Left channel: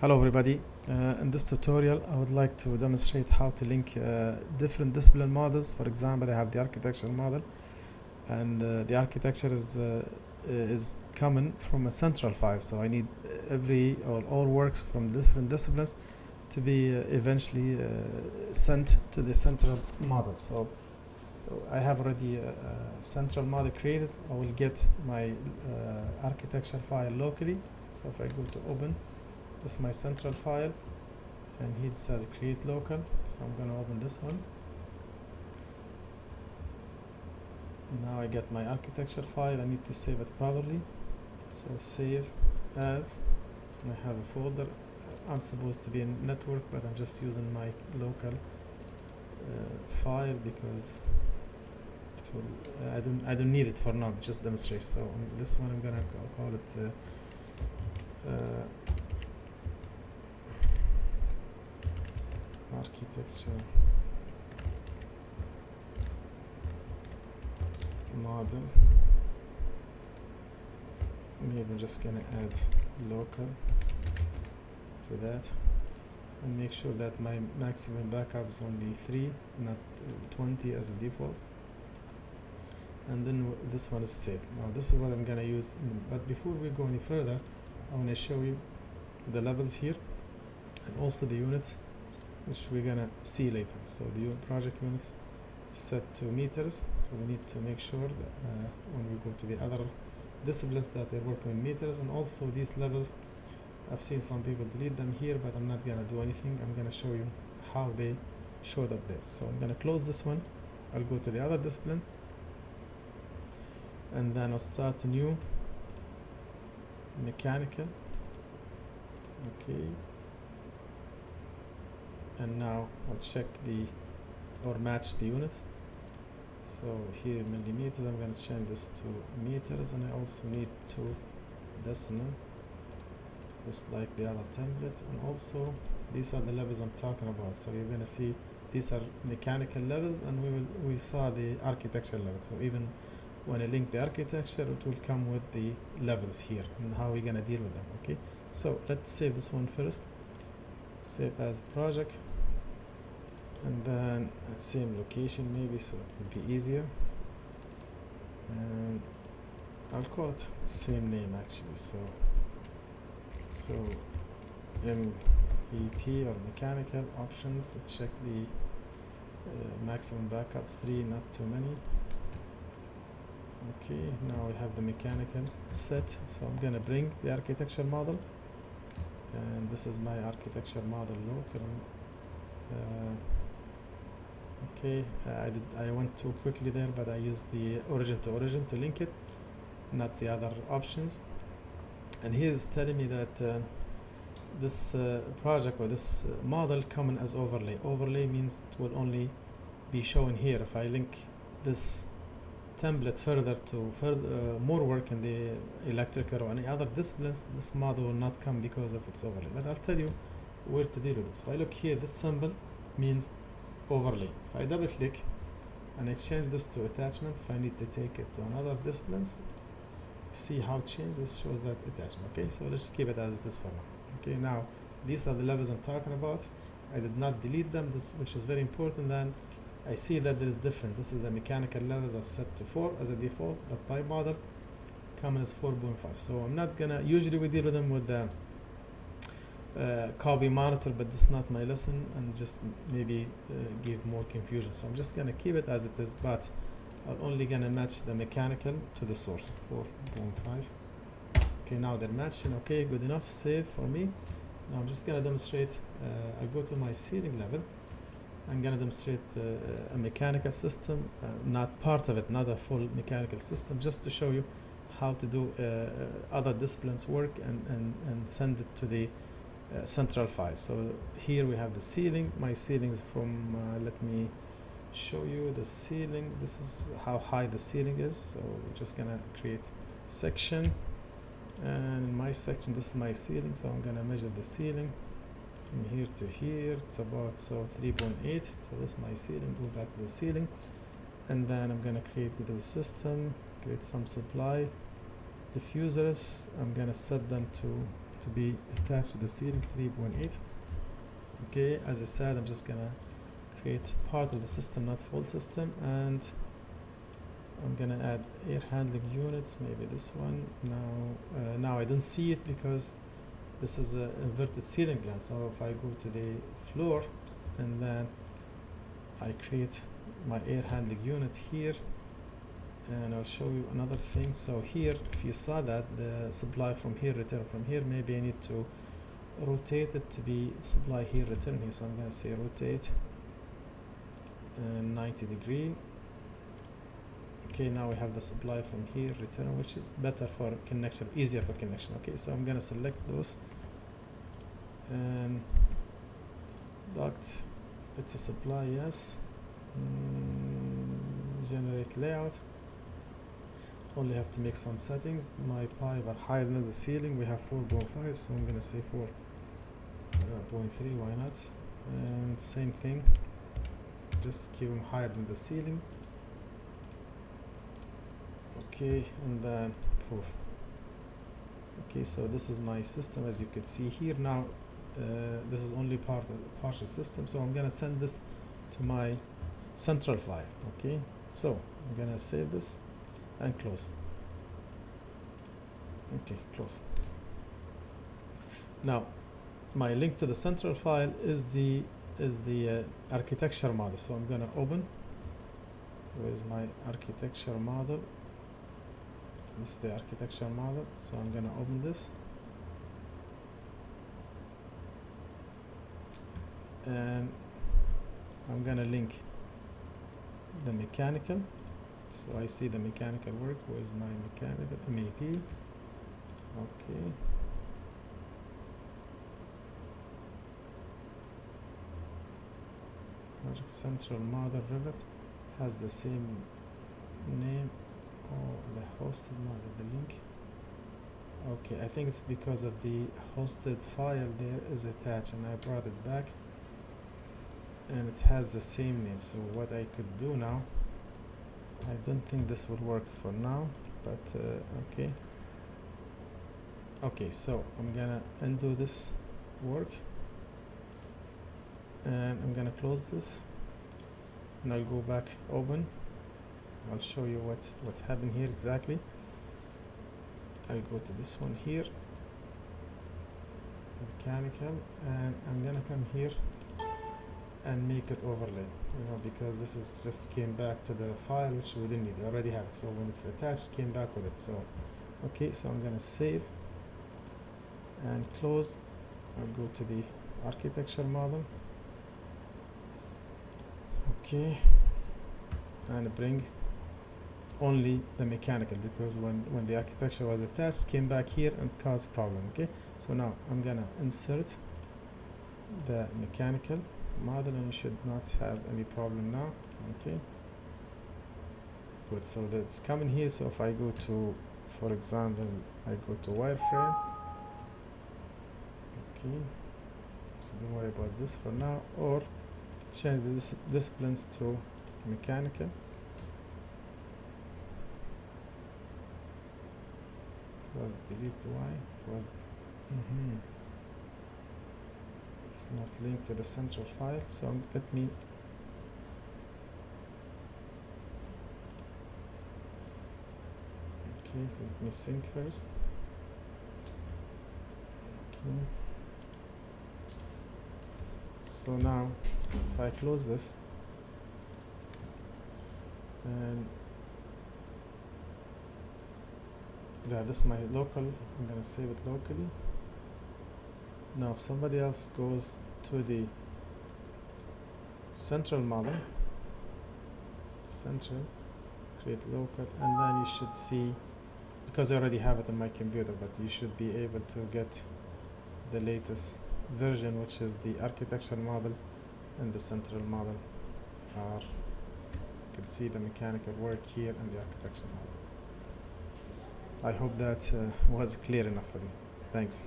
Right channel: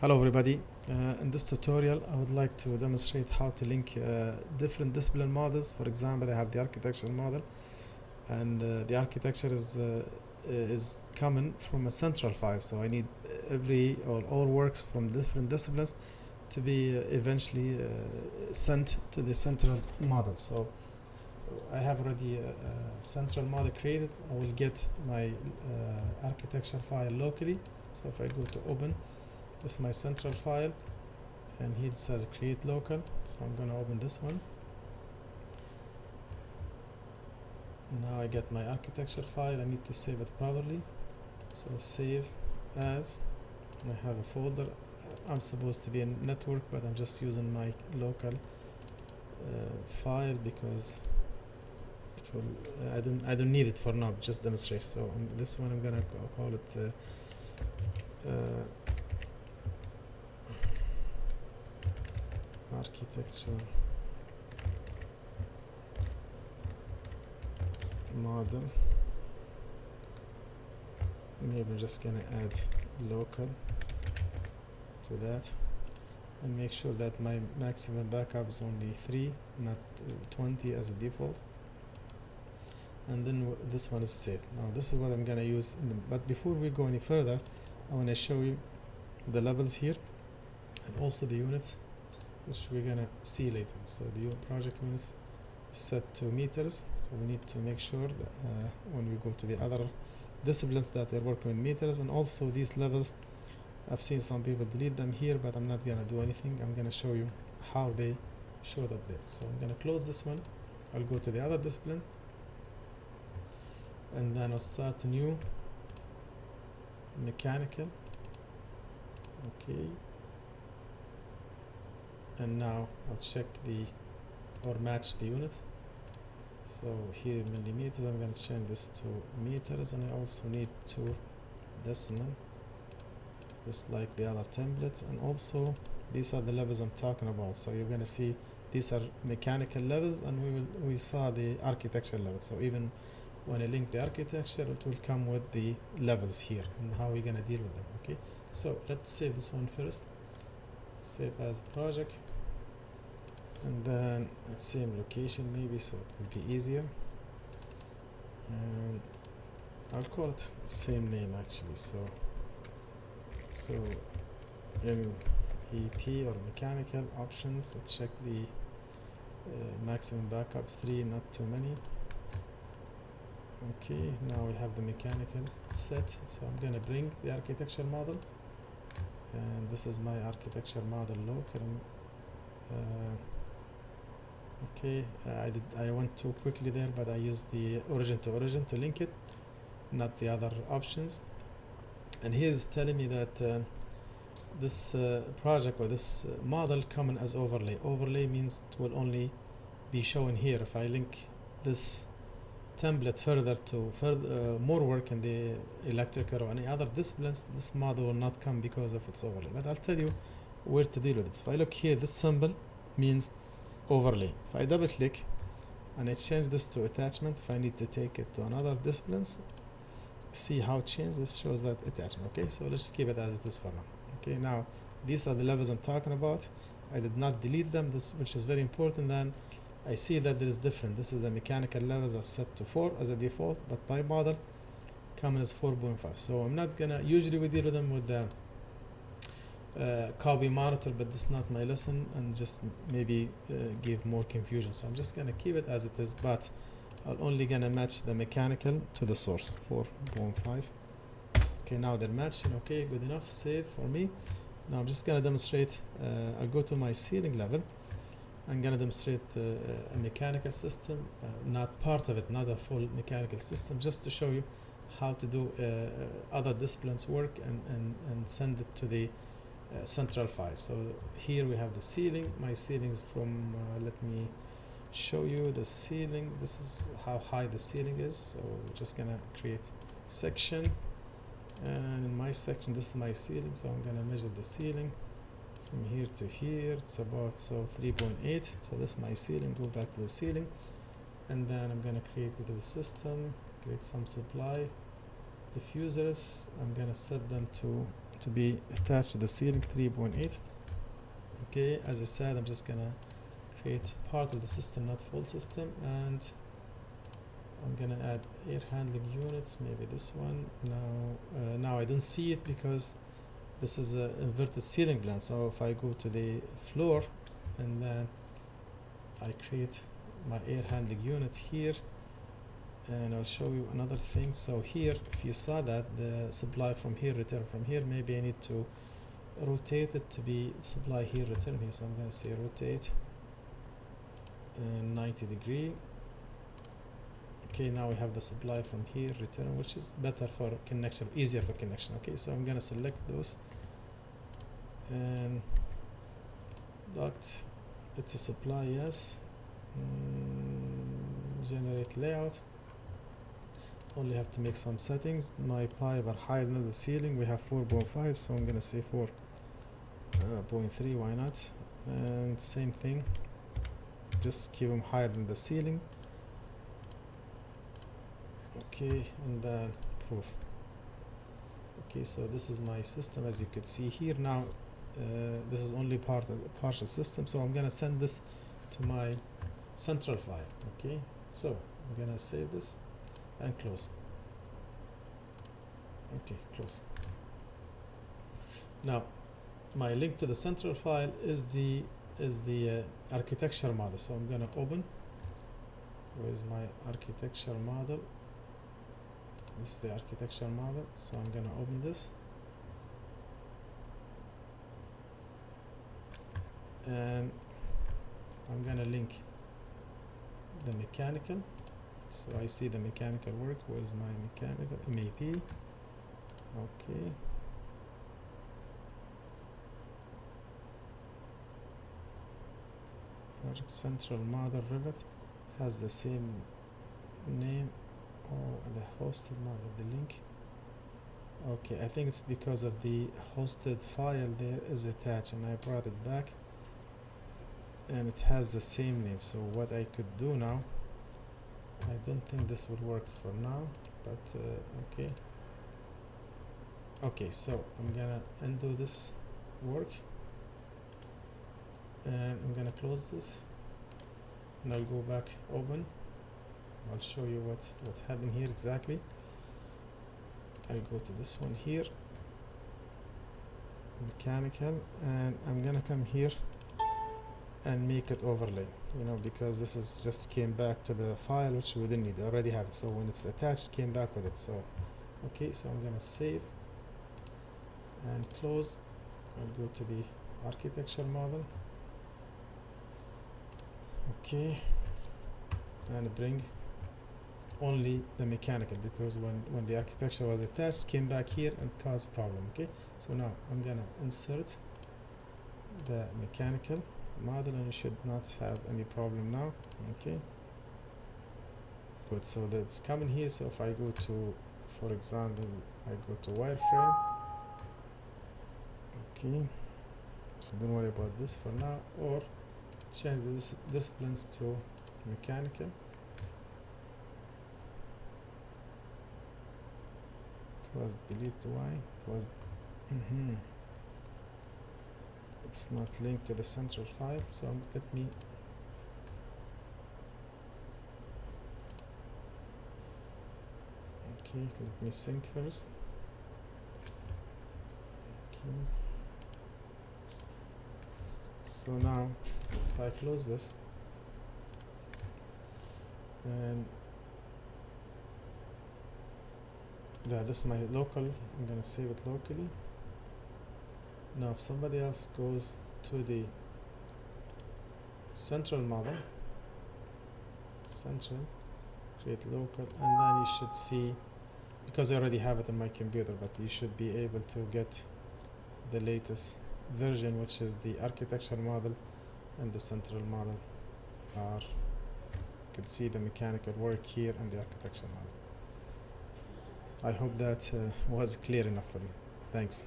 Hello everybody. In this tutorial I would like to demonstrate how to link different discipline models. For example, I have the architecture model, and the architecture is coming from a central file, so I need every or all works from different disciplines to be eventually sent to the central model. So I have already a central model created. I will get my architecture file locally. So if I go to open, this is my central file, and here it says create local, so I'm going to open this one. Now I get my architecture file. I need to save it properly, so save as, and I have a folder. I'm supposed to be in network, but I'm just using my local file because it will I don't need it for now, just demonstration. So this one I'm gonna call it architecture model. Maybe I'm just gonna add local to that and make sure that my maximum backup is only 3, not 20 as a default. And then this one is saved. Now this is what I'm gonna use but before we go any further, I want to show you the levels here and also the units, which we're gonna see later. So the project units is set to meters, so we need to make sure that when we go to the other disciplines that they're working with meters. And also these levels, I've seen some people delete them here, but I'm not gonna do anything. I'm gonna show you how they showed up there. So I'm gonna close this one. I'll go to the other discipline, and then I'll start a new mechanical. Okay, and now I'll check or match the units. So here millimeters, I'm going to change this to meters, and I also need to decimal, just like the other template. And also these are the levels I'm talking about. So you're going to see these are mechanical levels, and we saw the architecture levels. So even when I link the architecture, it will come with the levels here and how we're going to deal with them. Okay, so let's save this one first. Save as project, and then same location maybe, so it will be easier. And I'll call it same name actually. So MEP or mechanical options. Check the maximum backups 3, not too many. Okay, now we have the mechanical set. So I'm gonna bring the architecture model, and this is my architecture model local. Okay, I went too quickly there, but I used the origin to origin to link it, not the other options. And here is telling me that this project or this model coming as overlay. Overlay means it will only be shown here. If I link this template further to more work in the electrical or any other disciplines, this model will not come because of its overlay. But I'll tell you where to deal with this. If I look here, this symbol means overlay. If I double click and I change this to attachment, if I need to take it to another disciplines, see how change this shows that attachment. Okay, so let's keep it as it is for now. Okay, now these are the levels I'm talking about. I did not delete them, which is very important. Then I see that there is different. This is the mechanical levels are set to 4 as a default, but my model comes as 4.5. So I'm not gonna, usually we deal with them with the copy monitor, but this is not my lesson, and just maybe give more confusion. So I'm just gonna keep it as it is, but I'm only gonna match the mechanical to the source 4.5. Okay, now they're matching. Okay, good enough. Save for me. Now I'm just gonna demonstrate. I'll go to my ceiling level. I'm gonna demonstrate a mechanical system, not part of it, not a full mechanical system, just to show you how to do other disciplines work and send it to the central file. So here we have the ceiling. My ceiling is from let me show you the ceiling. This is how high the ceiling is. So we're just gonna create section, and in my section, this is my ceiling. So I'm gonna measure the ceiling from here to here. It's about 3.8. So this is my ceiling. Go back to the ceiling, and then I'm gonna create with the system, create some supply diffusers. I'm gonna set them to to be attached to the ceiling, 3.8. Okay, as I said, I'm just gonna create part of the system, not full system, and I'm gonna add air handling units, maybe this one. Now I don't see it because this is an inverted ceiling plan. So if I go to the floor and then I create my air handling unit here, and I'll show you another thing. So here, if you saw that the supply from here, return from here, maybe I need to rotate it to be supply here, return here. So I'm gonna say rotate 90 degree. Okay, now we have the supply from here, return, which is better for connection, easier for connection. Okay, so I'm gonna select those and duct, it's a supply, yes. Generate layout, only have to make some settings. My pipe are higher than the ceiling, we have 4.5, so I'm gonna say 4.3, why not? And same thing, just keep them higher than the ceiling. Okay, and then proof. Okay, so this is my system, as you could see here. Now this is only partial system, so I'm gonna send this to my central file. Okay, so I'm gonna save this and close. Okay, close. Now my link to the central file is the architecture model, so I'm gonna open. Where's my architecture model? This is the architecture model, so I'm gonna open this and I'm gonna link the mechanical. So I see the mechanical work. Where's my mechanical MAP? Okay, project central model Revit has the same name. Oh, the hosted model, the link. Okay, I think it's because of the hosted file there is attached, and I brought it back and it has the same name. So what I could do now, I don't think this will work for now, but okay, so I'm gonna undo this work and I'm gonna close this and I'll go back, open. I'll show you what happened here exactly. I'll go to this one here, mechanical, and I'm gonna come here and make it overlay, because this is just came back to the file which we didn't need. I already have it, so when it's attached, came back with it. So okay, so I'm gonna save and close. I'll go to the architecture model, okay, and bring only the mechanical, because when the architecture was attached, came back here and caused problem. Okay, so now I'm gonna insert the mechanical model and you should not have any problem now. Okay, good, so that's coming here. So if I go to, for example, I go to wireframe, okay, so don't worry about this for now, or change the disciplines to mechanical. It was delete y, it was it's not linked to the central file, so let me sync first. Okay, so now if I close this and this is my local, I'm gonna save it locally. Now if somebody else goes to the central model, create local, and then you should see, because I already have it on my computer, but you should be able to get the latest version, which is the architecture model and the central model are, you can see the mechanical work here and the architecture model. I hope that was clear enough for you. Thanks.